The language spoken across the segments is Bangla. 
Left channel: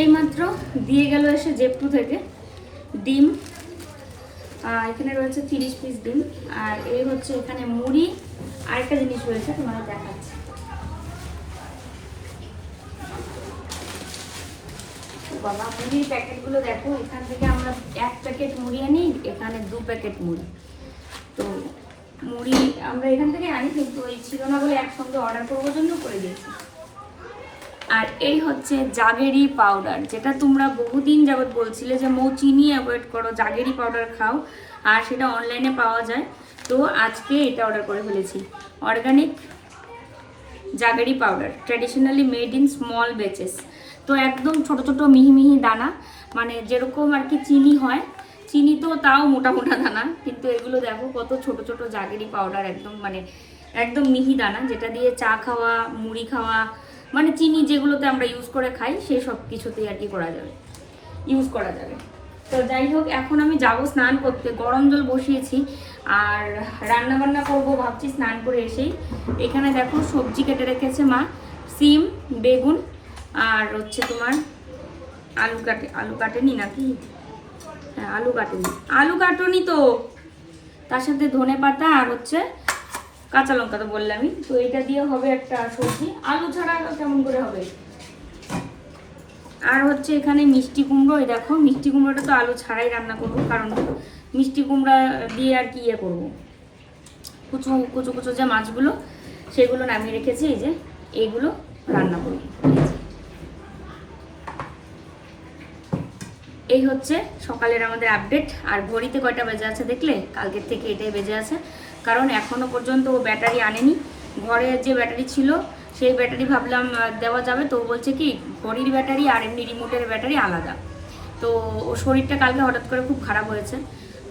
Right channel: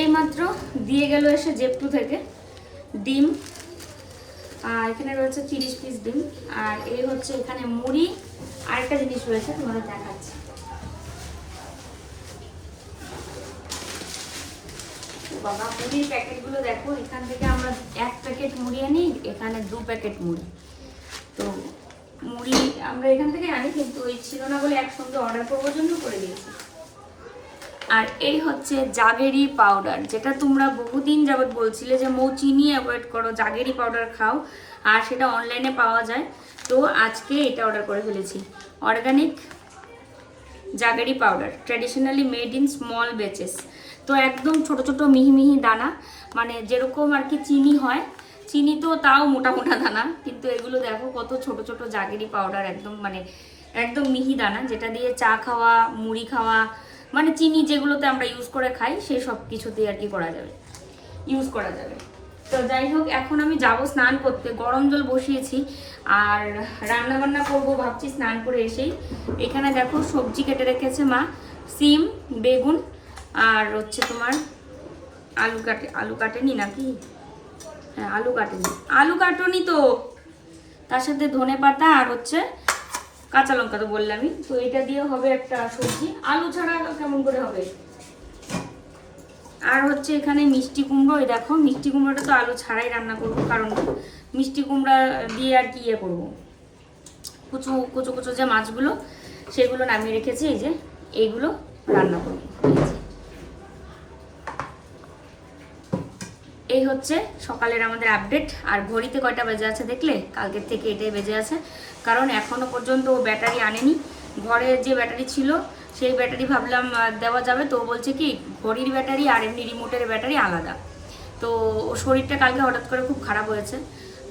এইমাত্র দিয়ে গেল এসে জেপটু থেকে ডিম, আর এখানে রয়েছে 30 পিস ডিম, আর এই হচ্ছে এখানে মুড়ি। আরেকটা জিনিস রয়েছে তোমাদের দেখাচ্ছি। বাবা মুড়ির প্যাকেটগুলো দেখো, এখান থেকে আমরা 1 প্যাকেট মুড়ি আনি, এখানে 2 প্যাকেট মুড়ি। তো মুড়ি আমরা এখান থেকে আনি, কিন্তু ওই ছিল না বলে একসঙ্গে অর্ডার করবার জন্য করে দিয়েছি। আর এই হচ্ছে জাগেরি পাউডার, যেটা তোমরা বহুদিন যাবত বলছিলে যে মৌ চিনি অ্যাভয়েড করো, জাগেরি পাউডার খাও, আর সেটা অনলাইনে পাওয়া যায়। তো আজকে এটা অর্ডার করে ফেলেছি, organic jaggery powder, traditionally made in small batches. তো একদম ছোট ছোট মিহি মিহি দানা, মানে যেরকম আর কি চিনি হয়, চিনি তো তাও মোটা মোটা দানা, কিন্তু এগুলো দেখো কত ছোট ছোট জাগেরি পাউডার, একদম মানে একদম মিহি দানা, যেটা দিয়ে চা খাওয়া, মুড়ি খাওয়া, মানে চিনি যেগুলোতে আমরা ইউজ করে খাই সেই সব কিছুতেই আর কি করা যাবে, ইউজ করা যাবে। তো যাই হোক, এখন আমি যাব স্নান করতে, গরম জল বসিয়েছি, আর রান্না বান্না করবো ভাবছি স্নান করে এসেই। এখানে দেখো সবজি কেটে রেখেছে মা, সিম, বেগুন, আর হচ্ছে তোমার আলু কাটেনি নাকি, হ্যাঁ আলু কাটনি তো, তার সাথে ধনে পাতা আর হচ্ছে কাঁচা লঙ্কা তো বললামই। তো এটা দিয়ে হবে একটা সবজি, আলু ছাড়া কেমন করে হবে। আর হচ্ছে এখানে মিষ্টি কুমড়ো, এই দেখো মিষ্টি কুমড়োটা তো আলু ছাড়াই রান্না করব, কারণ মিষ্টি কুমড়া দিয়ে আর কি ইয়ে করবো, কুচু কুচু কুচু যে মাছগুলো সেগুলো নামিয়ে রেখেছি, এই যে এইগুলো রান্না করব। এই হচ্ছে সকালের আমাদের আপডেট। আর ঘড়িতে কয়টা বেজে আছে দেখলে, কালকের থেকে এটাই বেজে আছে, কারণ এখনো পর্যন্ত ও ব্যাটারি আনেনি। ঘরে যে ব্যাটারি ছিল সেই ব্যাটারি ভাবলাম দেওয়া যাবে, তো বলছে কি ঘড়ির ব্যাটারি আর এমনি রিমোটের ব্যাটারি আলাদা। তো ওর শরীরটা কালকে হঠাৎ করে খুব খারাপ হয়েছে,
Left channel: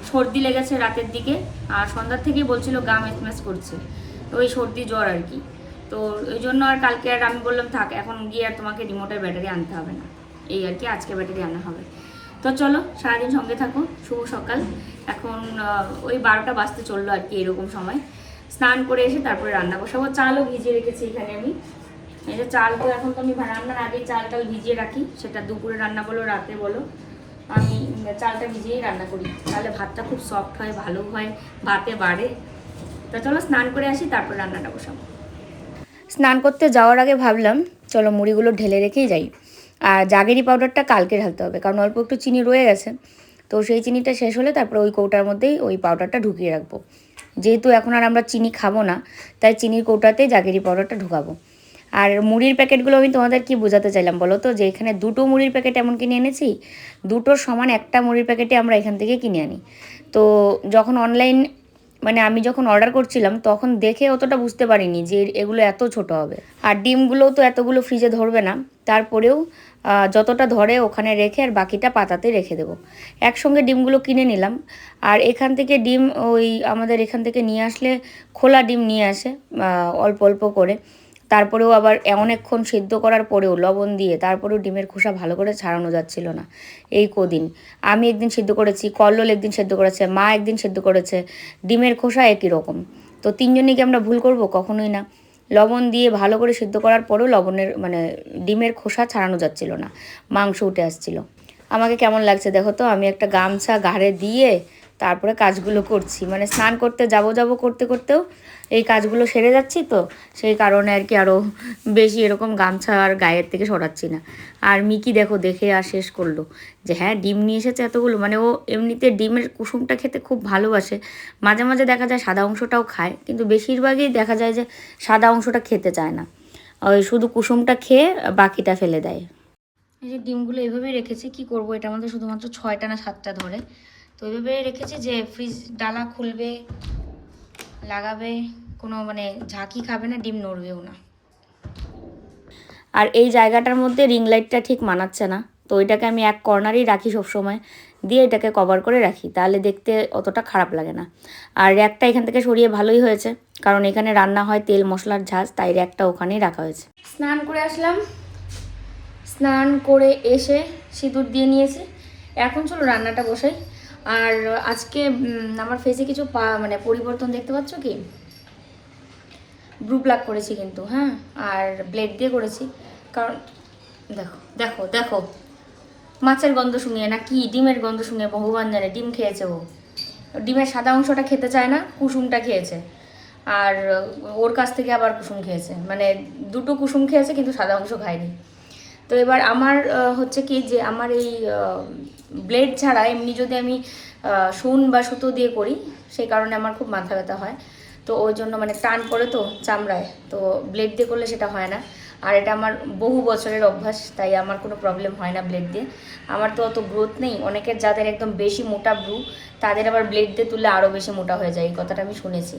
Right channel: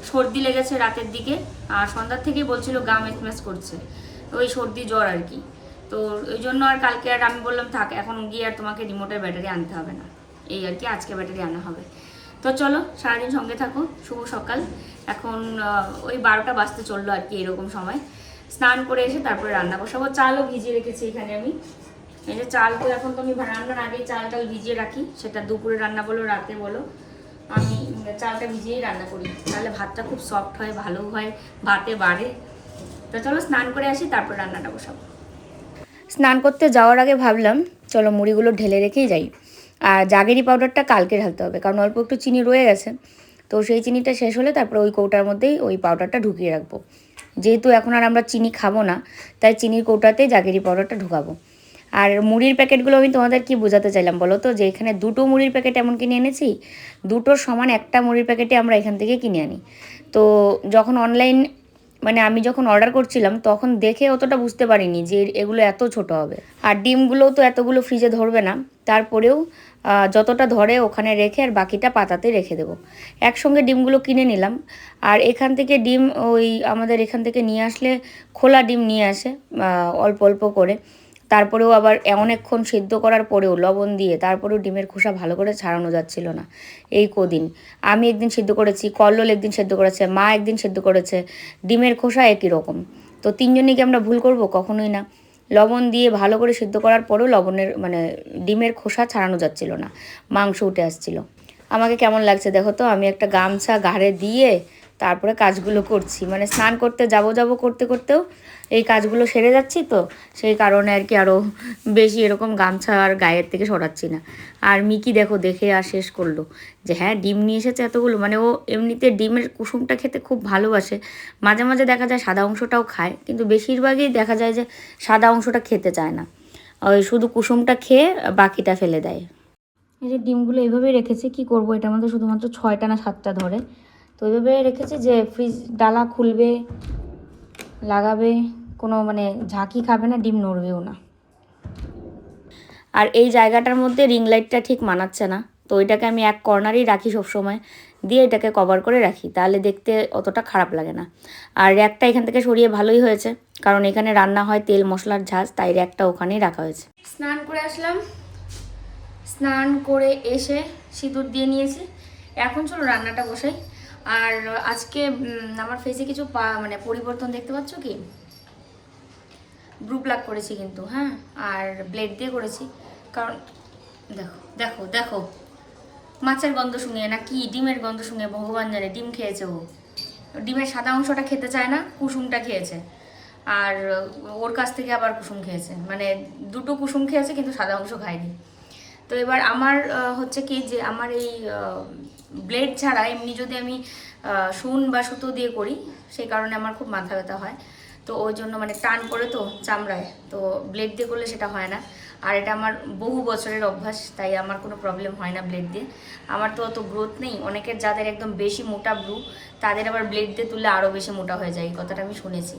সর্দি লেগেছে রাতের দিকে, আর সন্ধ্যার থেকেই বলছিল গা ম্যাচম্যাচ করছে, তো ওই সর্দি জ্বর আর কি। তো ওই জন্য আর কালকে আর আমি বললাম থাক, এখন গিয়ে আর তোমাকে রিমোটের ব্যাটারি আনতে হবে না, এই আর কি আজকে ব্যাটারি আনা হবে। তো চলো সারাদিন সঙ্গে থাকো, শুভ সকাল। এখন ওই 12টা বাজতে চললো আর কি, এরকম সময় স্নান করে এসে তারপরে রান্না বসাবো। চালও ভিজিয়ে রেখেছি এখানে আমি, এই যে চাল তো এখন তো আমি রান্নার আগেই চাল টাল ভিজিয়ে রাখি, সেটা দুপুরে রান্না বলো রাতে বলো, আমি চালটা ভিজিয়েই রান্না করি, তাহলে ভাতটা খুব সফট হয়, ভালো হয়, ভাতে বাড়ে। তো চলো স্নান করে আসি, তারপর রান্নাটা বসাবো। স্নান করতে যাওয়ার আগে ভাবলাম চলো মুড়িগুলো ঢেলে রেখেই যাই, আর জাগেরি পাউডারটা কালকে ঢালতে হবে, কারণ অল্প একটু চিনি রয়ে গেছে। তো সেই চিনিটা শেষ হলে তারপরে ওই কৌটার মধ্যেই ওই পাউডারটা ঢুকিয়ে রাখবো, যেহেতু এখন আর আমরা চিনি খাবো না, তাই চিনির কৌটাতেই জাগেরি পাউডারটা ঢুকাবো। আর মুড়ির প্যাকেটগুলো আমি তোমাদের কি বোঝাতে চাইলাম বলো তো, যে এখানে 2টো মুড়ির প্যাকেট এমন কিনে এনেছি, 2টোর সমান একটা মুড়ির প্যাকেটে আমরা এখান থেকে কিনে আনি। তো যখন অনলাইন মানে আমি যখন অর্ডার করছিলাম তখন দেখে অতটা বুঝতে পারিনি যে এগুলো এত ছোট হবে, আর ডিমগুলোও তো এতগুলো ফ্রিজে ধরবে না, তারপরেও যতটা ধরে ওখানে রেখে আর বাকিটা পাতাতে রেখে দেবো। একসঙ্গে ডিমগুলো কিনে নিলাম, আর এখান থেকে ডিম ওই আমাদের এখান থেকে নিয়ে আসলে খোলা ডিম নিয়ে আসে অল্প অল্প করে, তারপরেও আবার অনেকক্ষণ সিদ্ধ করার পরেও লবণ দিয়ে তারপরেও ডিমের খোসা ভালো করে ছাড়ানো যাচ্ছিল না। এই কদিন আমি একদিন সিদ্ধ করেছি, কল্লোল একদিন সিদ্ধ করেছে, মা একদিন সিদ্ধ করেছে, ডিমের খোসা একই রকম। তো তিনজনই কি আমরা ভুল করব? কখনোই না। লবণ দিয়ে ভালো করে সিদ্ধ করার পরেও লবণের মানে ডিমের খোসা ছাড়ানো যাচ্ছিল না, মাংস উঠে আসছিল। আমাকে কেমন লাগছে দেখো তো, আমি একটা গামছা ঘাড়ে দিয়ে তারপরে কাজগুলো করছি, মানে স্নান করতে যাব করতে করতেও এই কাজগুলো সেরে যাচ্ছি, তো সেই কারণে আর কি আরও বেশি এরকম গামছা আর গায়ের থেকে সরাচ্ছি না। আর মিকি দেখো দেখে আর শেষ করলো যে হ্যাঁ ডিম নিয়ে এসেছে এতগুলো, মানে ও এমনিতে ডিমের কুসুমটা খেতে খুব ভালোবাসে, মাঝে মাঝে দেখা যায় সাদা অংশটাও খায়, কিন্তু বেশিরভাগই দেখা যায় যে সাদা অংশটা খেতে চায় না, ওই শুধু কুসুমটা খেয়ে বাকিটা ফেলে দেয়। এই যে ডিমগুলো এভাবেই রেখেছি, কি করব, এটার মধ্যে শুধুমাত্র 6টা না 7টা ধরে, তো এইভাবে রেখেছি যে ফ্রিজ ডালা খুলবে লাগাবে, কোনো মানে ঝাঁকি খাবে না, ডিম নড়বেও না। আর এই জায়গাটার মধ্যে রিং লাইটটা ঠিক মানাচ্ছে না, তো এটাকে আমি এক কর্নারেই রাখি সবসময়, দিয়ে এটাকে কভার করে রাখি, তাহলে দেখতে অতটা খারাপ লাগে না। আর র্যাকটা এখান থেকে সরিয়ে ভালোই হয়েছে, কারণ এখানে রান্না হয় তেল মশলার ঝাঁজ, তাই র্যাকটা ওখানেই রাখা হয়েছে। স্নান করে আসলাম, স্নান করে এসে সিঁদুর দিয়ে নিয়েছি, এখন চলো রান্নাটা বসাই। আর আজকে আমার ফেসে কিছু মানে পরিবর্তন দেখতে পাচ্ছ কি, ব্রু প্লাক করেছি কিন্তু, হ্যাঁ, আর ব্লেড দিয়ে করেছি, কারণ দেখো দেখো দেখো, মাছের গন্ধ শুঙিয়ে না কি ডিমের গন্ধ শুঙিয়ে, ভগবান জানে ডিম খেয়েছে ও। ডিমের সাদা অংশটা খেতে চায় না, কুসুমটা খেয়েছে। আর ওর কাছ থেকে আবার কুসুম খেয়েছে, মানে দুটো কুসুম খেয়েছে কিন্তু সাদা অংশ খায়নি। তো এবার আমার হচ্ছে কি যে আমার এই ব্লেড ছাড়া এমনি যদি আমি সুন বা সুতো দিয়ে করি, সেই কারণে আমার খুব মাথা ব্যথা হয়। তো ওই জন্য মানে টান পড়ে তো চামড়ায়, তো ব্লেড দিয়ে করলে সেটা হয় না। আর এটা আমার বহু বছরের অভ্যাস, তাই আমার কোনো প্রবলেম হয় না ব্লেড দিয়ে। আমার তো অত গ্রোথ নেই, অনেকের যাদের একদম বেশি মোটা ব্রু তাদের আবার ব্লেড দিয়ে তুললে আরও বেশি মোটা হয়ে যায়, এই কথাটা আমি শুনেছি।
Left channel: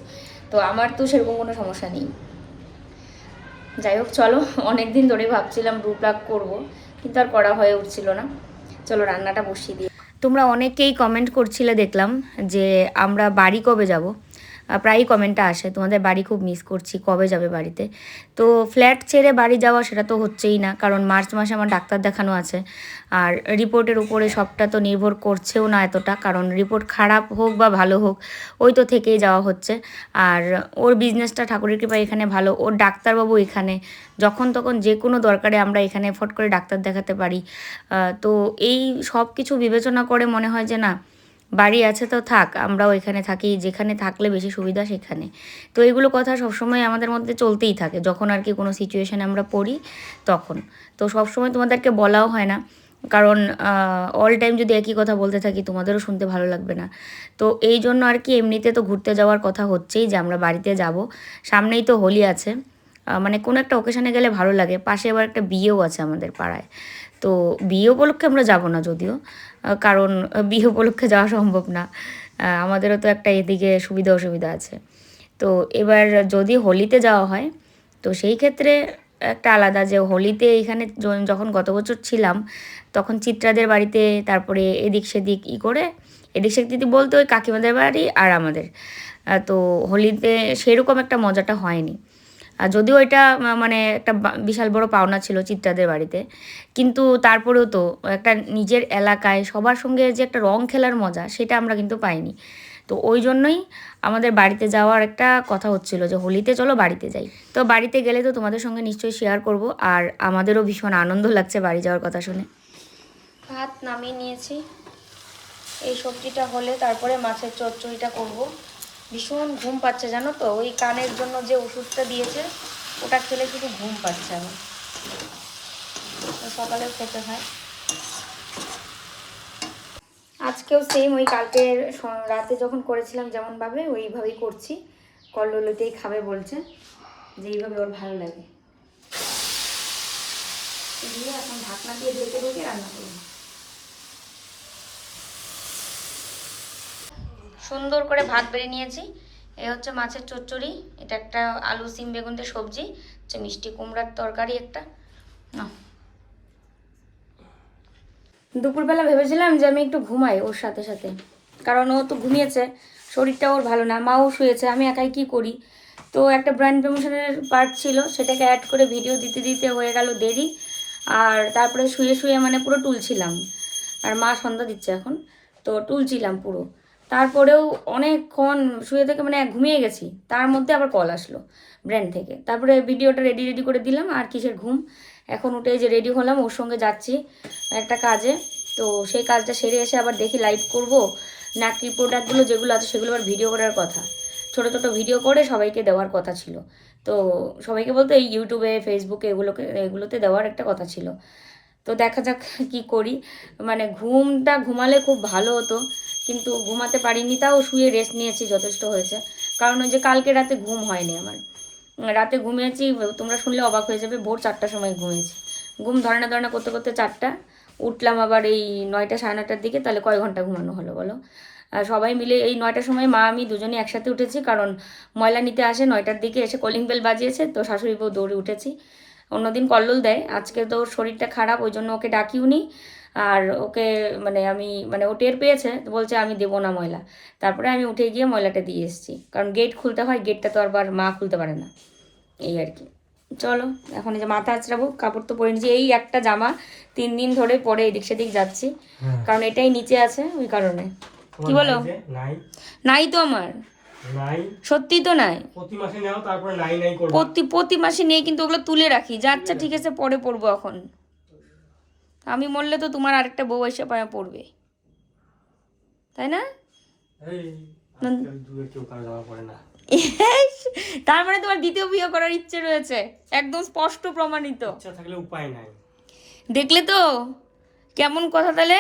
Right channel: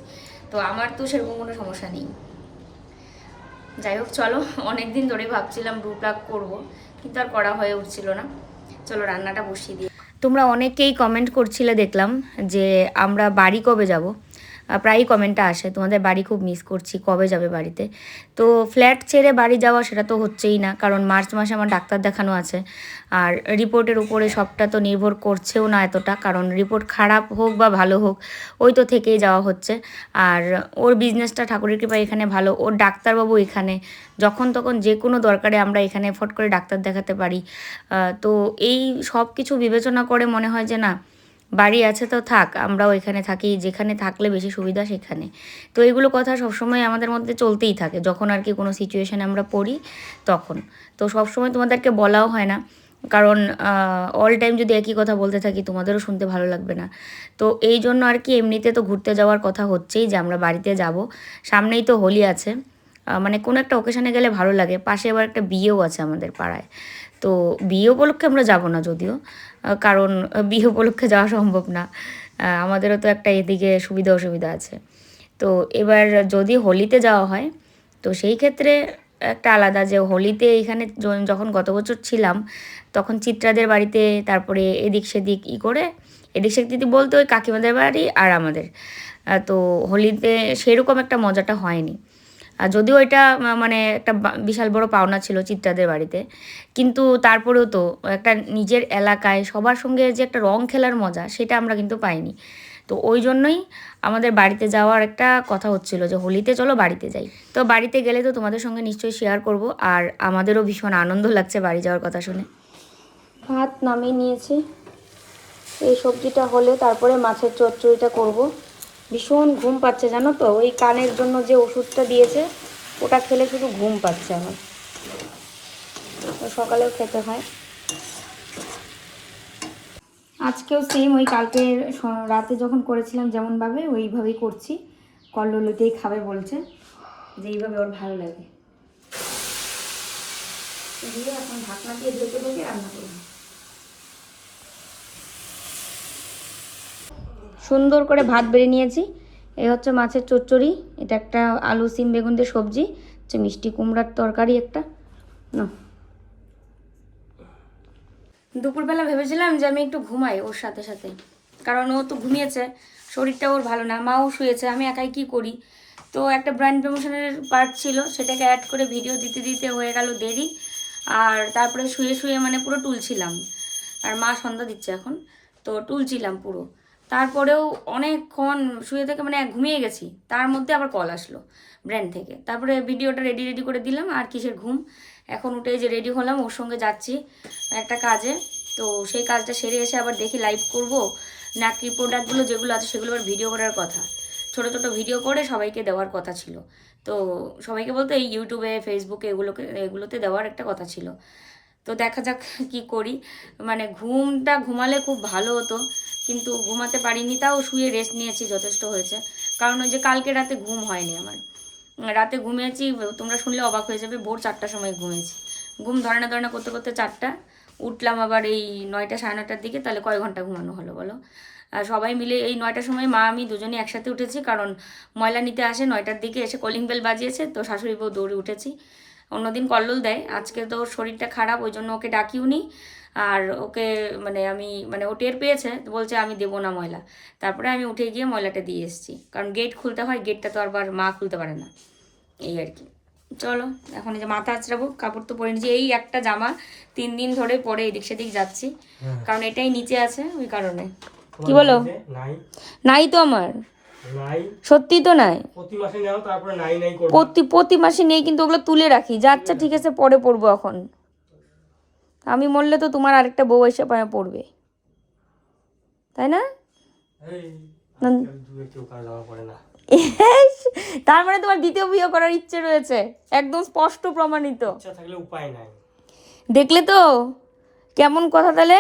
তো আমার তো সেরকম কোনো সমস্যা নেই। যাই হোক চলো, অনেক দিন ধরেই ভাবছিলাম ব্রু প্লাগ করবো, কিন্তু আর করা হয়ে উঠছিল না। চলো রান্নাটা বসিয়ে দিই। তোমরা অনেকেই কমেন্ট করছিলে দেখলাম যে আমরা বাড়ি কবে যাব। প্রায়ই কমেন্টটা আসে, তোমাদের বাড়ি খুব মিস করছি, কবে যাবে বাড়িতে। তো ফ্ল্যাট ছেড়ে বাড়ি যাওয়া সেটা তো হচ্ছেই না, কারণ মার্চ মাসে আমার ডাক্তার দেখানো আছে। আর রিপোর্টের উপরে সবটা তো নির্ভর করছেও না এতটা, কারণ রিপোর্ট খারাপ হোক বা ভালো হোক ওই তো থেকেই যাওয়া হচ্ছে। আর ওর বিজনেসটা ঠাকুরের কৃপায় এখানে ভালো, ওর ডাক্তারবাবু এখানে, যখন তখন যে কোনো দরকারে আমরা এখানে ফট করে ডাক্তার দেখাতে পারি। তো এই সব কিছু বিবেচনা করে মনে হয় যে না, বাড়ি আছে তো থাক, আমরাও এখানে থাকি, যেখানে থাকলে বেশি সুবিধা সেখানে। তো এইগুলো কথা সবসময় আমাদের মধ্যে চলতেই থাকে, যখন আর কি কোনো সিচুয়েশানে আমরা পড়ি তখন। তো সবসময় তোমাদেরকে বলাও হয় না, কারণ অল টাইম যদি একই কথা বলতে থাকি তোমাদেরও শুনতে ভালো লাগবে না। তো এই জন্য আর কি এমনিতে তো ঘুরতে যাওয়ার কথা হচ্ছেই যে আমরা বাড়িতে যাব। সামনেই তো হোলি আছে, মানে কোনো একটা ওকেশানে গেলে ভালো লাগে। পাশে আবার একটা বিয়েও আছে আমাদের পাড়ায়, তো বিয়ে উপলক্ষে আমরা যাব না যদিও, কারণ বিয়ে উপলক্ষে যাওয়া সম্ভব না, আমাদেরও তো একটা এদিকে সুবিধা অসুবিধা আছে। তো এবার যদি হোলিতে যাওয়া হয় তো সেই ক্ষেত্রে একটা আলাদা, যে হোলিতে এইখানে যখন গত বছর ছিলাম তখন চিত্রাদের বাড়িতে, তারপরে এদিক সেদিক করে, এদিক সেদিক বলতে ওই কাকিমাদের বাড়ি আর আমাদের, তো হোলিতে সেরকম একটা মজাটা হয়নি। আর যদিও এটা মানে একটা বিশাল বড় পাওনা ছিল চিত্রাদের বাড়িতে, কিন্তু তারপরেও তো একটা নিজের এলাকায় সবার সঙ্গে যে একটা রং খেলার মজা সেটা আমরা কিন্তু পাইনি। তো ওই জন্যই আমাদের বাড়িতে যাওয়ার একটা কথা হচ্ছিল যে হোলিতে চলো বাড়িতে যাই। তো বাড়িতে গেলে তো তোমাদের সঙ্গে নিশ্চয়ই শেয়ার করব, আর আমাদেরও ভীষণ আনন্দ লাগছে বাড়ি যাওয়ার কথা শুনে। ভাত নামিয়ে নিয়েছি, এই সবজিটা হলে তারপরে মাছের চচ্চড়িটা করব। ভীষণ ঘুম পাচ্ছে জানো তো, ওই কানের জন্য যে ওষুধটা দিয়েছে ওটা খেলে শুধু ঘুম পাচ্ছে আমার, সকালেও খেতে হয়। আজকেও সেম ওই কালকে রাতে যখন করেছিলাম যেমনভাবে ওইভাবেই করছি। কল্লোলতেই খাবে বলছে, যে এইভাবে ওর ভালো লাগে। দিয়ে এখন ঢাকনা দিয়ে ঢেকে ঢেকে রান্না করবো। সুন্দর করে ভাত বেড়ে নিয়েছি। এই হচ্ছে মাছের চচ্চড়ি, এটা একটা আলু সিম বেগুন দিয়ে সবজি, হচ্ছে মিষ্টি কুমড়ার তরকারি একটা না। দুপুরবেলা ভেবেছিলাম যে আমি একটু ঘুমাই ওর সাথে সাথে, কারণ ও তো ঘুমিয়েছে, শরীরটা ওর ভালো না, মাও শুয়েছে, আমি একাই কি করি। তো একটা ব্র্যান্ড প্রমোশনের পার্ট ছিল, সেটাকে অ্যাড করে ভিডিও দিতে দিতে হয়ে গেল দেরি। আর তারপরে শুয়ে শুয়ে মানে পুরো টুলছিলাম, আর মা সন্ধ্যা দিচ্ছে এখন, তো টুলছিলাম পুরো। তারপরেও অনেকক্ষণ শুয়ে থেকে মানে ঘুমিয়ে গেছি, তার মধ্যে আবার কল আসলো ব্র্যান্ড থেকে, তারপরে ভিডিওটা রেডি করে দিলাম, আর কিসের ঘুম। এখন উঠে যে রেডি হলাম, ওর সঙ্গে যাচ্ছি একটা কাজে। তো সেই কাজটা সেরে এসে আবার দেখি লাইভ করব নাকি প্রোডাক্টগুলো যেগুলো আছে সেগুলো আবার ভিডিও করার কথা, ছোটো ছোটো ভিডিও করে সবাইকে দেওয়ার কথা ছিল। তো সবাইকে বলতে এই ইউটিউবে ফেসবুকে এগুলোতে দেওয়ার একটা কথা ছিল। তো দেখা যাক কি করি, মানে ঘুমালে খুব ভালো হতো, কিন্তু ঘুমাতে পারিনি, তাও শুয়ে রেস্ট নিয়েছি, যথেষ্ট হয়েছে। কারণ ওই যে কালকে রাতে ঘুম হয়নি আমার, রাতে ঘুমিয়েছি, তোমরা শুনলে অবাক হয়ে যাবে, ভোর 4টার সময় ঘুমিয়েছি। ঘুম ধরে না করতে করতে 4টা, উঠলাম আবার এই 9টা 9:30টার দিকে, তাহলে কয় ঘন্টা ঘুমানো হলো বলো। আর সবাই মিলে এই 9টার সময় মা আমি দুজনেই একসাথে উঠেছি, কারণ ময়লা নিতে আসে 9টার দিকে, এসে কলিং বেল বাজিয়েছে, তো শাশুড়ি বউ দৌড়ে উঠেছি। অন্যদিন কল্লোল দেয়, আজকে তো ওর শরীরটা খারাপ, ওই জন্য ওকে ডাকিও নি। আর ওকে মানে ও টের পেয়েছে, বলছে আমি দেবো না ময়লা। তারপরে আমি উঠে গিয়ে ময়লাটা দিয়ে এসেছি, কারণ গেট খুলতে হয়, গেটটা তো আবার মা খুলতে পারে না, এই আর কি। চলো এখন এই যে মাথা আঁচড়াবো, কাপড় তো পরে নিচ্ছি, এই একটা জামা 3 দিন ধরে পরে এদিক সেদিক যাচ্ছি, কারণ এটাই নিচে আছে ওই কারণে। কি বলো? নাই তো আমার, সত্যি তো নাই, প্রতি মাসে নেই, কিন্তু ওগুলো তুলে রাখি যে আচ্ছা ঠিক আছে পরে পরবো এখন। আমি মরলে তো তোমার আরেকটা বউ এসে পায়ে পড়বে, তাই না? তার মানে তোমার দ্বিতীয় বিয়ে করার ইচ্ছে রয়েছে, একদম স্পষ্ট প্রমাণিত। থাকলে উপায় নাই। দেখলে তো কেমন কথা। তাহলে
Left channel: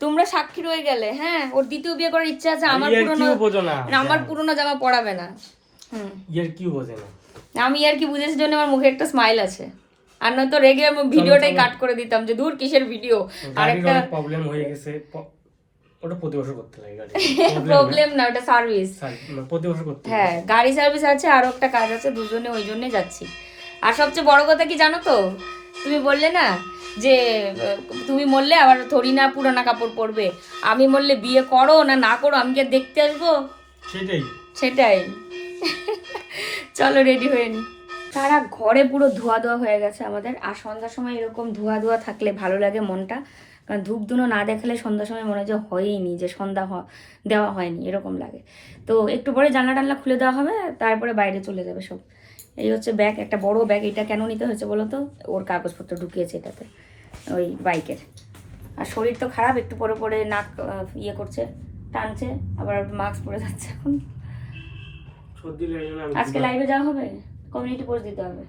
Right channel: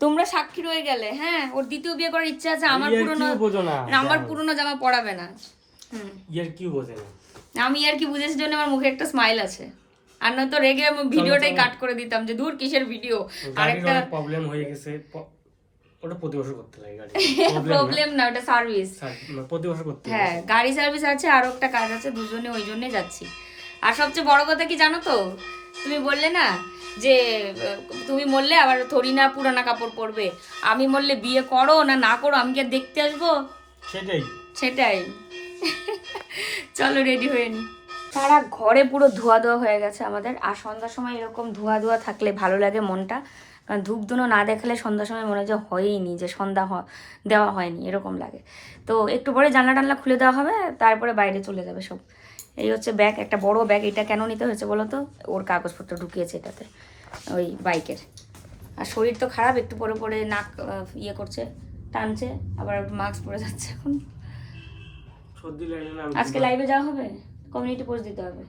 তোমরা সাক্ষী রয়ে গেলে। হ্যাঁ, ওর দ্বিতীয় বিয়ে করার ইচ্ছা আছে। আমার পুরনো জামা পরাবে না। আমি আর কি বুঝেছি জন্য আমার মুখে একটা স্মাইল আছে, আর নয়তো রেগে আমি ভিডিওটাই কাট করে দিতাম যে দূর কিসের ভিডিও। আর একটা প্রবলেম হয়ে গেছে, ওটা প্রতি বছর করতে লাগে গাড়ি। প্রবলেম না, ওটা সার্ভিস, প্রতি বছর করতে। হ্যাঁ, গাড়ি সার্ভিস আছে, আর একটা কাজ আছে, দুজনে ওই জন্যই যাচ্ছি। আর সবচেয়ে বড় কথা কি জানো তো, তুমি বললে না যে তুমি মরলে আবার থরি না পুরানা কাপড় পরবে, আমি মরলে বিয়ে করো না না করো আমি কি দেখতে আসবো? সেটাই। চলো রেডি হয়ে নি। সারা ঘরে পুরো ধোয়া হয়ে গেছে আমাদের। আর সন্ধ্যার সময় এরকম ধোয়া থাকলে ভালো লাগে মনটা, কারণ ধূপ ধুনো না দেখলে সন্ধ্যার সময় মনে হয় যে হয়ইনি, যে সন্ধ্যা দেওয়া হয়নি এরকম লাগে। তো একটু পরে জানলা টানলা খুলে দেওয়া হবে, তারপরে বাইরে চলে যাবে সব। এই হচ্ছে ব্যাগ, একটা বড় ব্যাগ। এটা কেন নিতে হয়েছে বলো তো? ওর কাগজপত্র ঢুকিয়েছে এটাতে, ওই বাইকের। আর শরীর তো খারাপ, একটু পরে পরে নাক ইয়ে করছে, টানছে, আবার মাস্ক পরে যাচ্ছে এখন। আজকে লাইভে যাওয়া হবে, কমিউনিটি পোস্ট দিতে হবে।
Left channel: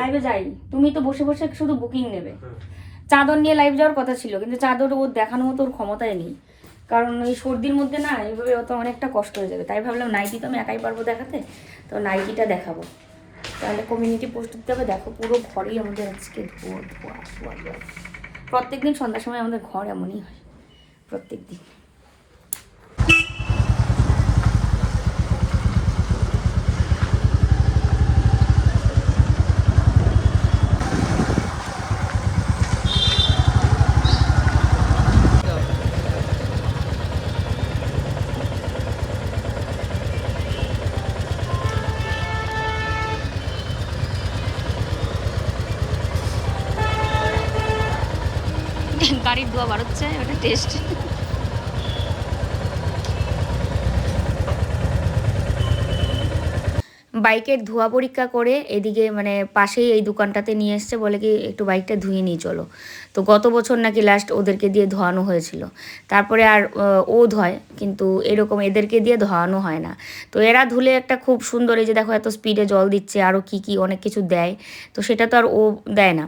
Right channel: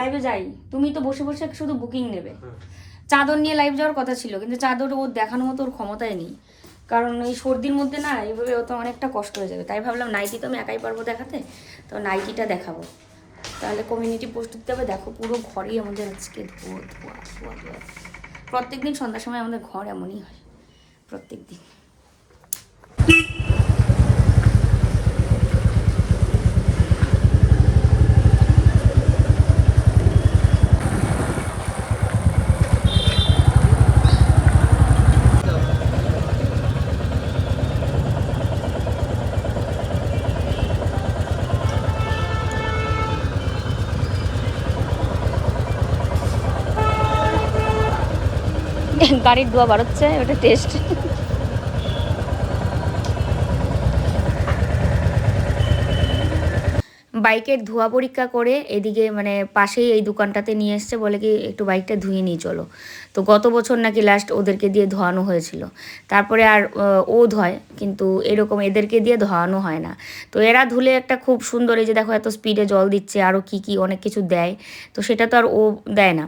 লাইভে যাই, তুমি তো বসে বসে শুধু বুকিং নেবে। চাদর নিয়ে লাইভ যাওয়ার কথা ছিল, কিন্তু চাদর ওর দেখানোর মতো ওর ক্ষমতাই নেই, কারণ এই সর্দির মধ্যে না এইভাবে অত অনেকটা কষ্ট হয়ে যাবে। তাই ভাবলাম নাইটি তো আমি একাই পারবো দেখাতে, তো নাইটিটা দেখাবো। তাহলে কমিউনিটি পোস্ট দিতে হবে। দেখো পুরো ঘরেই আমাদের আজকে ধোয়া। প্রত্যেক দিন সন্ধ্যার সময় আমাদের ঘর এমনই হয়, প্রত্যেক দিন। গাড়ির ধোয়া বাড়াচ্ছে, ওটা টেস্ট। বাইকের ধোয়া পরীক্ষা করে এদিকে মানে পাশেই এই দোকানটাতে নিয়ে এসছে, বলে কি একটু বাইকটা ধুয়ে নিয়ে চলো। তো গত বছর নাকি লাস্ট ওদেরকে দিয়ে ধোয়ানো হয়েছিল, তারপরে আর ও ধোয়, কিন্তু এরকম এদেরকে দিয়ে ধোয়ানো হয় না। তো এরা ধুলে একটা খুব সুন্দর, এই যে দেখো এত স্পিডে জল দিচ্ছে, আরও কি অনেক কিছু দেয়, তো সেটা তো আর ও দেয় না।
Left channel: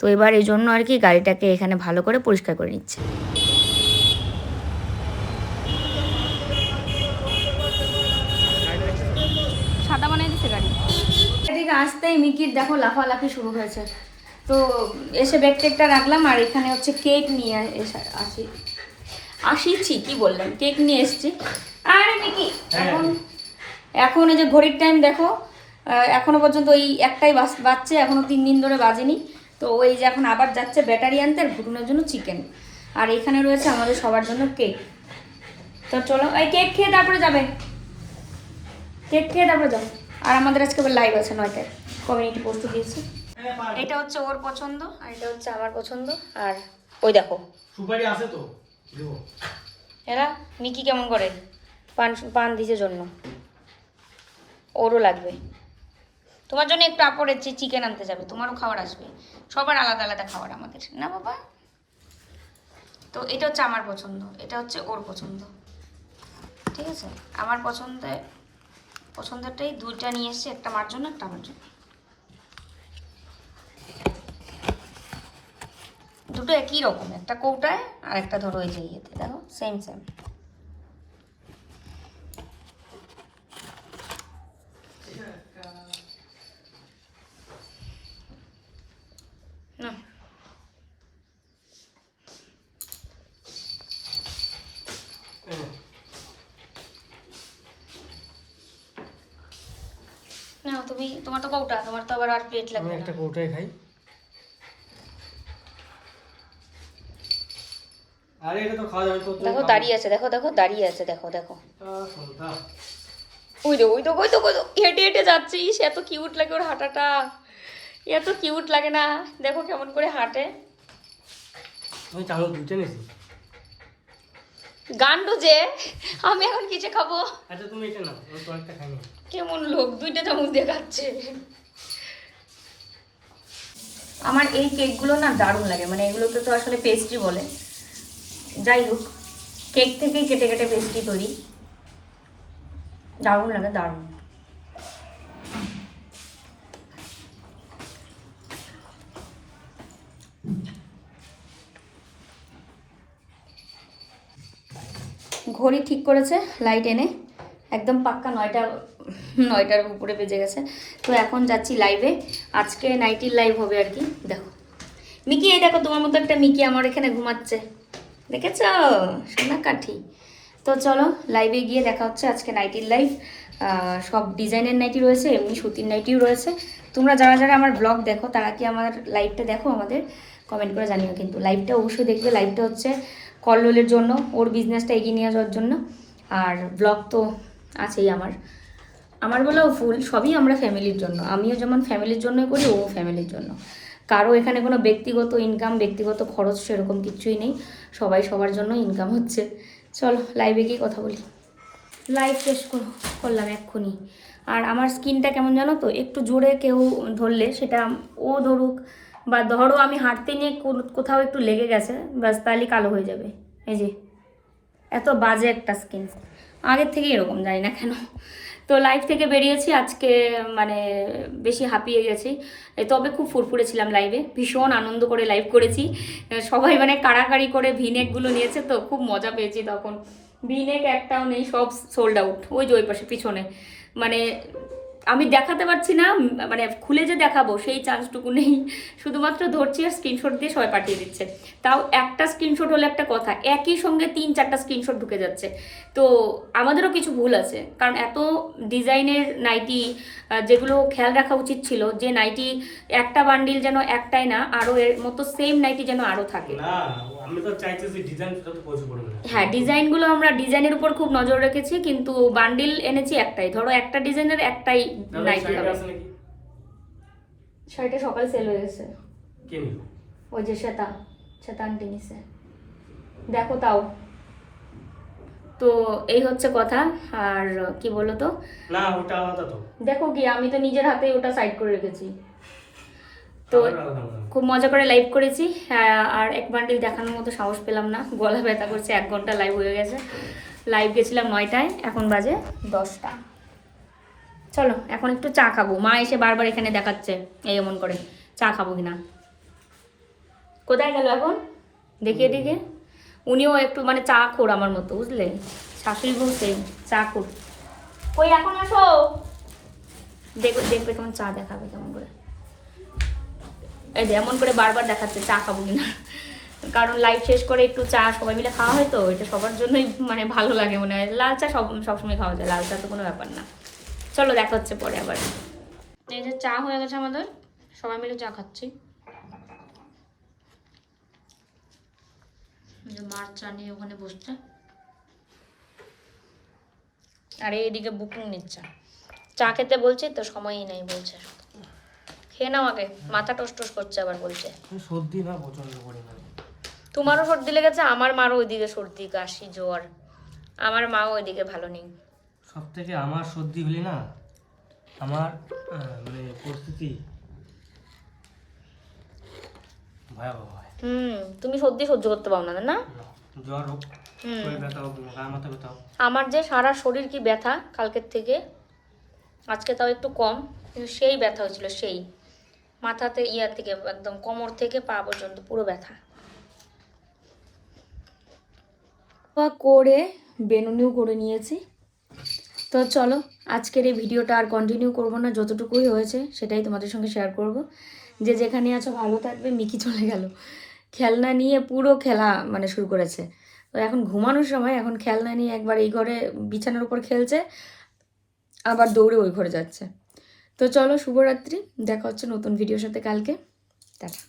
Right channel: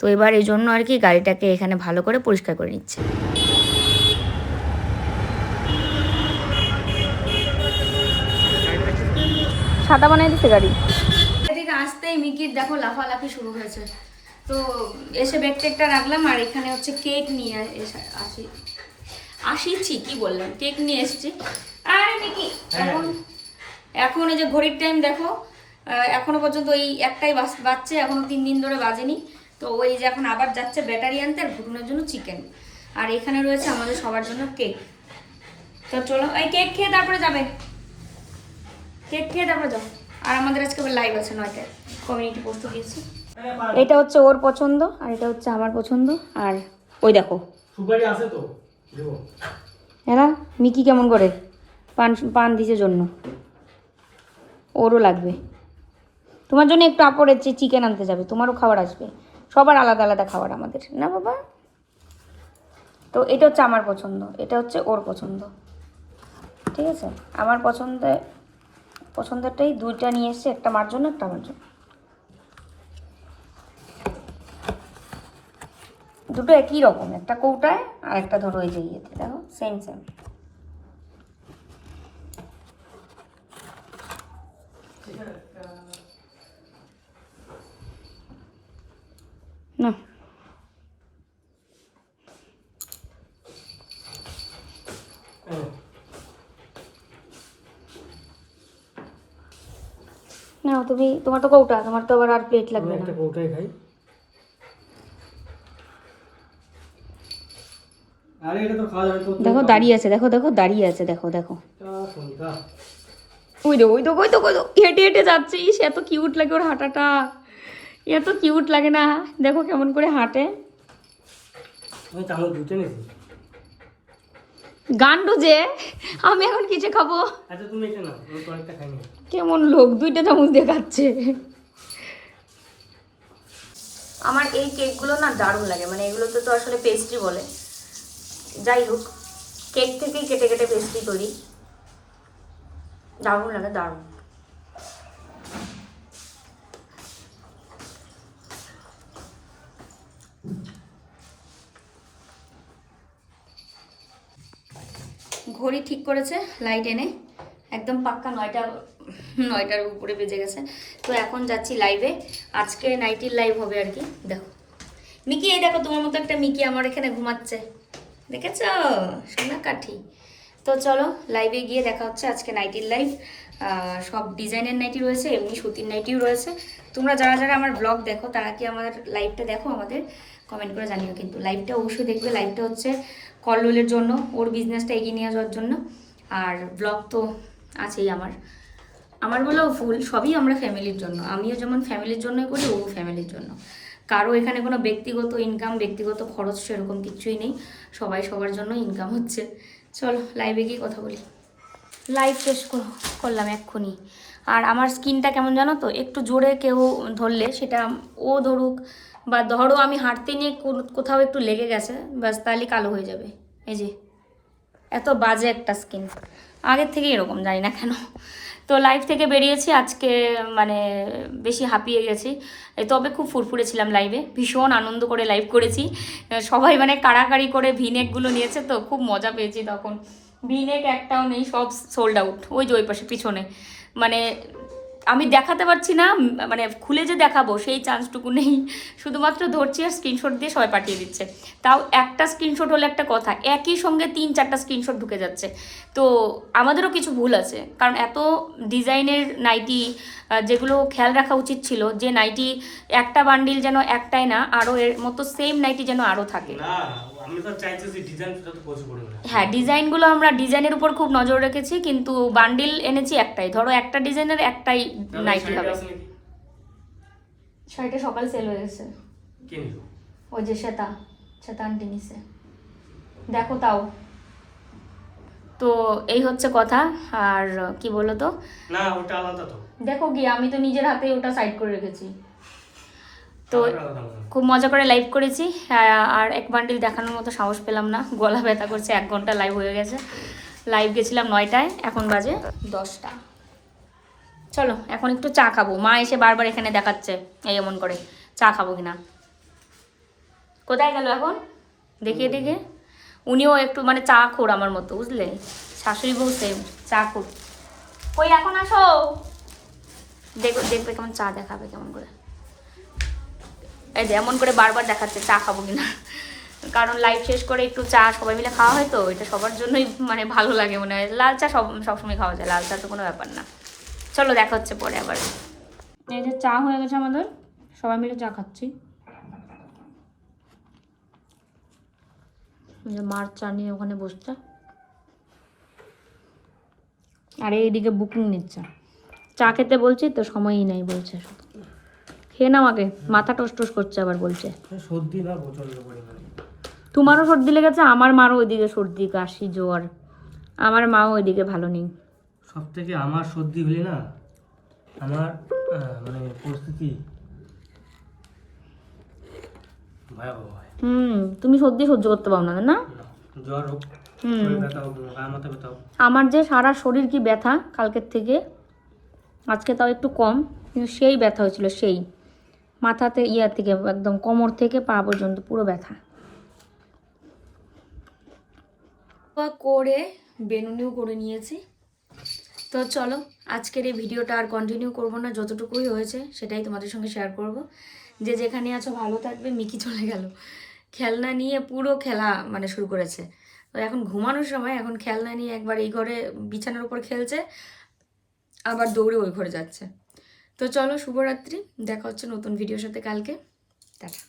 তো এবার এই জন্য আর কি গাড়িটাকে এখানে ভালো করে পরিষ্কার করে নিচ্ছে। সাদা বানাই দিচ্ছে গাড়ি। এদিকে আসতেই মিকির দেখো লাফালাফি শুরু হয়েছে। তো এসে ব্যাগ টেকটা রাখলাম, আর এখানে হচ্ছে কেক নিয়ে আসিছি কি বললাম, কেক নিয়ে এসছি। আর মিকি এখন এই যে ঘড়ির টাইম দেখো, এখনো পর্যন্ত ওই একটাই বাজছে, এখনো 3 দিন ধরে বাজেনি। তো ওই যে এখন আবার যাচ্ছে ব্যাটারি আনতে, আর ঘুটুনের জন্য চিকেন, আর এখানে রয়েছে আমাদের সবার জন্য কেক। তো চলো এই কেক খেয়ে তারপরে যাবে, কেক খেয়ে তারপরে যাবো। আর আমাদের আজকে আবার লাইভ আছে 9টায়, কমিউনিটি পোস্ট দিয়েছি। এটা হচ্ছে ওর পছন্দ, আর এটা হচ্ছে আমার পছন্দ। আর ওই দেখো সুপারি আছে তো দেবো। হ্যাঁ, মিকি কেমন করে পান দিছে জন্য, ওরও লাগবে। তোমার জন্য একটু আপড়ের যে চিকেন আনতে যাবে, তোমারও খাবার আসবে, সবার আলাদা আলাদা খাবার আমাদের, না বাবা? তো এটা হচ্ছে আমার পছন্দ, এটা হচ্ছে ওর পছন্দ, ঠিক আছে? আমার পছন্দেরটাই 2টা নিয়ে এসছে, একটা মার জন্য একটা আমার জন্য। দুটো একই রকম, একটা কৌটায় আর একটা ধরো এই যে ইয়েতে, দেখো সেম না। না তোমার তো কৌটা, তোমার তো আবার আর প্লেট লাগবে না। একটা কৌটায় খাই। আরে এটা তো খাওয়া যাবে তো। দেখো দাঁড়িয়ে আছে, দেখো দাঁড়িয়ে আছে, দেখো ওই তো হেঁটে হেঁটে যাচ্ছে। সে এত কিউট লাগে, ওর হাঁটাটা এত কিউট লাগে না? দেখো কেমন করে হাঁটে। আমি চামচ দুটো নিয়েছি। গান্ডু যে, আমি এখন কিছু খাবো। আচ্ছা তুমি এটা নাও, আমি তো একটা খাইনি। কেমন লোক, 2টা চামচ দিয়ে খাচ্ছে। আমার এই কেকগুলো না দারুণ লাগে, মানে এগুলোতে তো আসলে পেস্ট্রি বলে, যাই হোক কেক থেকেই কেটে কেটে পেস্ট্রি করি, দারুণ লাগে দারুণ। ঘড়ি ঠিক করেছে লাইট এনে, একদম পাক্কা 9টার উপরে বেজে গেছে। তো এখন যাচ্ছি লাইভে, আজকে নাইটির লাইভ হবে আর কি। দেখো মিকি, এই দেখো তোমার মতো একটা মিকি আমার এখানে ঘুমাচ্ছে, দেখেছ সোনা কাঠি। তো চলো লাইভে গিয়ে দেখা হচ্ছে। আজকে নাইটির লাইভ, সব ডিজাইনের নাইটি রয়েছে, এমনি সুতির নাইটিও রয়েছে। তোমরা যারা যারা আমার ব্লগ দেখো তারা কি আমার লাইভটা দেখো আমাদের কমেন্ট করে জানিও, কিন্তু লাইভটা অবশ্যই দেখবে। লাইভটা হচ্ছে কল্লোলের জন্য, ওর বিজনেসটা এগিয়ে নিয়ে যাওয়ার জন্য, আর ব্লগ তো আছেই আমার বলেও ফুল, সবই আমরা ফ্যামিলির জন্য। আমিও যেমন ফ্যামিলির জন্যই করি, ও ফ্যামিলির জন্য। কারো এখানে কোনো ব্যক্তিগত ইনকাম, ব্যক্তিগত খরচ সেরকম কিছুই নেই, সবাই সবার জন্য ইনকাম হচ্ছে। চলো লাইভে গিয়ে কথা বলি। লাইভ শেষ করলাম এক্ষুনি। আর আমার স্কিনটা কেমন জানো তো, একটু জোরে কেউ ধরলে, সেটা ও ধরুক বা ধরো আমি হাঁটতে নিয়ে কোথাও একটু লেগে গেছে, ব্যাস তাহলে কালো হয়ে যাবে। এই যে এত বাজে একটা স্কিন, আগের থেকে এরকম, জানি না কেন। তো লাইভ থেকে বেরিয়েছি আজকে, মানে বেশি হাঁপিয়ে গেছি, তবে খুব ফুরফুরে ছিলাম লাইভে, ভীষণ আনন্দ করে লাইভ করেছি। সবাই মানে কাড়াকাড়ি করে ভিনেকগুলো নিয়েছে, তো খুব মজা পেয়েছি। তখন ভিনেক একটাও নেই, সব সোল্ড আউট। ওই যে ওই পাশে পিছনে, মানে আমি দেখাতে পারছি না, মানে খুলে যে দেখাবো সেই চান্সটুকু নেই, শুধুমাত্র ধরছি আর স্ক্রিনশট দিয়ে সবাই পাঠিয়ে দিচ্ছে। তাও একটা স্ক্রিনশট হলে একটা কথা, একই সঙ্গে 3-4টা স্ক্রিনশট ঢুকে যাচ্ছে। তো আমাদেরও কিছু ভুল আছে, কারণ এত ডিজাইনের নাইটি, যেগুলো খেয়াল রাখা উচিত ছিল যে নাইটি একটা বান্ডিল যেন একটাই না, আরও এর মতো সেম নাইটি যেন আরও থাকে। আমি তো চাইছি যে ডিজাইন যত পয়সা পড়বে না। হ্যাঁ, ডিজাইনগুলো আমরা ডিজাইনের উপর খুব নজর রেখেছি, কিন্তু বান্ডিল এনেছি একটাই। ধরো একটা ডিজাইনের একটাই নাইটি হবে। শাড়িটা সকাল সেল হয়ে গেছে। কে নিল? ওই যে শ্বেতা আন্টি নিছে, দেখো তাও। তো এই হচ্ছে কথা। আর কি বলো তো, না ওটা আলাদা তো, দেখো কি আমি তো নিজের হাতে ওটা সাইড করে রেখেছি। তো খুব মজা করে লাইভ করেছি, আর এক বান্ডিল দেখানোর মতো সাহস পেলাম না, গলা ব্যথা করছে। 1 ঘন্টা লাইভ হয়ে গেছে, লাইভ গেছিলাম 9টায়, এখন বাজে 10টা। চলো এখন একটু চা খাবো। মা এসে বারবার এখানে দেখাচ্ছে এই এমন করে, চা খাবো কিনা। কোথায় গেল এখন দেখিয়ে দিকে। উনিও একটু মানে চা খোর আমার মতো, বুঝলে, শাশুড়ি বউ সেম চা খোর। কই এখন আসো, দেখবে কেমন চা দেখাবে কেমন করে। এই যে এমন করে বারবার দেখাচ্ছে চা খাবো কিনা, কারণ লাইভ শেষ করে একটু চা সবাই মিলে খাওয়া হয়, তো এটা সবার জন্যই মানে ভালো লাগে মনে হয়। লাল চা সবসময় খাওয়া যায়, লাল চা তো কোনো ব্যাপার না। চলো দেখা হচ্ছে পরে আবার। এই যে চা হয়ে গেছে আমাদের, সবাই মিলে চা খাচ্ছি। মার চা নিয়ে ওখানে বসছে, আর এইদিকে বুকিং নিচ্ছে। চা খেতে বলছি তো সময়ই নাই বলছে, খেয়ে না আমাকে মাথা টস করছে, আবার বলছে সর্দি না প্রচন্ড পরিমাণে। তোমারও সর্দি লেগেছে, আমার মারও ওইদিকে সর্দি কাশি জ্বর, আমার মাও ওইদিকে ভালো নেই। সব থেকে আমার সর্দি হলে না আমার মানে পরিস্থিতি ভয়াবহ হয়। তুমি সর্দি সহ্য করতে পারো না, না? জ্বর হোক, শরীর ব্যথা হোক, গা মাথা ব্যথা হোক, আমার যে সারা শরীর কি ব্যথা কালকের থেকে, আজকে তাও একটু কম, কিন্তু সেই ব্যথা হয়েছিল, সেই মাথাতে থেকে একদম কোমর থেকে পা পর্যন্ত পুরো ব্যথা করে বেনুনিও করে নিয়েছি। তো চলো আজকের এই ভিডিওটা আর কন্টিনিউ করব না, যতটুকুই হয়েছে সেটাই তোমাদের সঙ্গে শেয়ার করব। যে যেখানে আছো ভালো থাকবে। মিকি চলে গেল, খেলনা নিয়ে পুরো খেলা মানে শুরু করেছে। তো এখন ঘুমানোর সময়, এখন খেলনা নিয়ে একবার এই ঘরে বিছানার উপর খেলছে, আবার দৌড়ে ওই ঘরে যাচ্ছে। তো চলো শুভরাত্রি, দেখা হচ্ছে নতুন ভিডিওর সাথে কালকে, টাটা।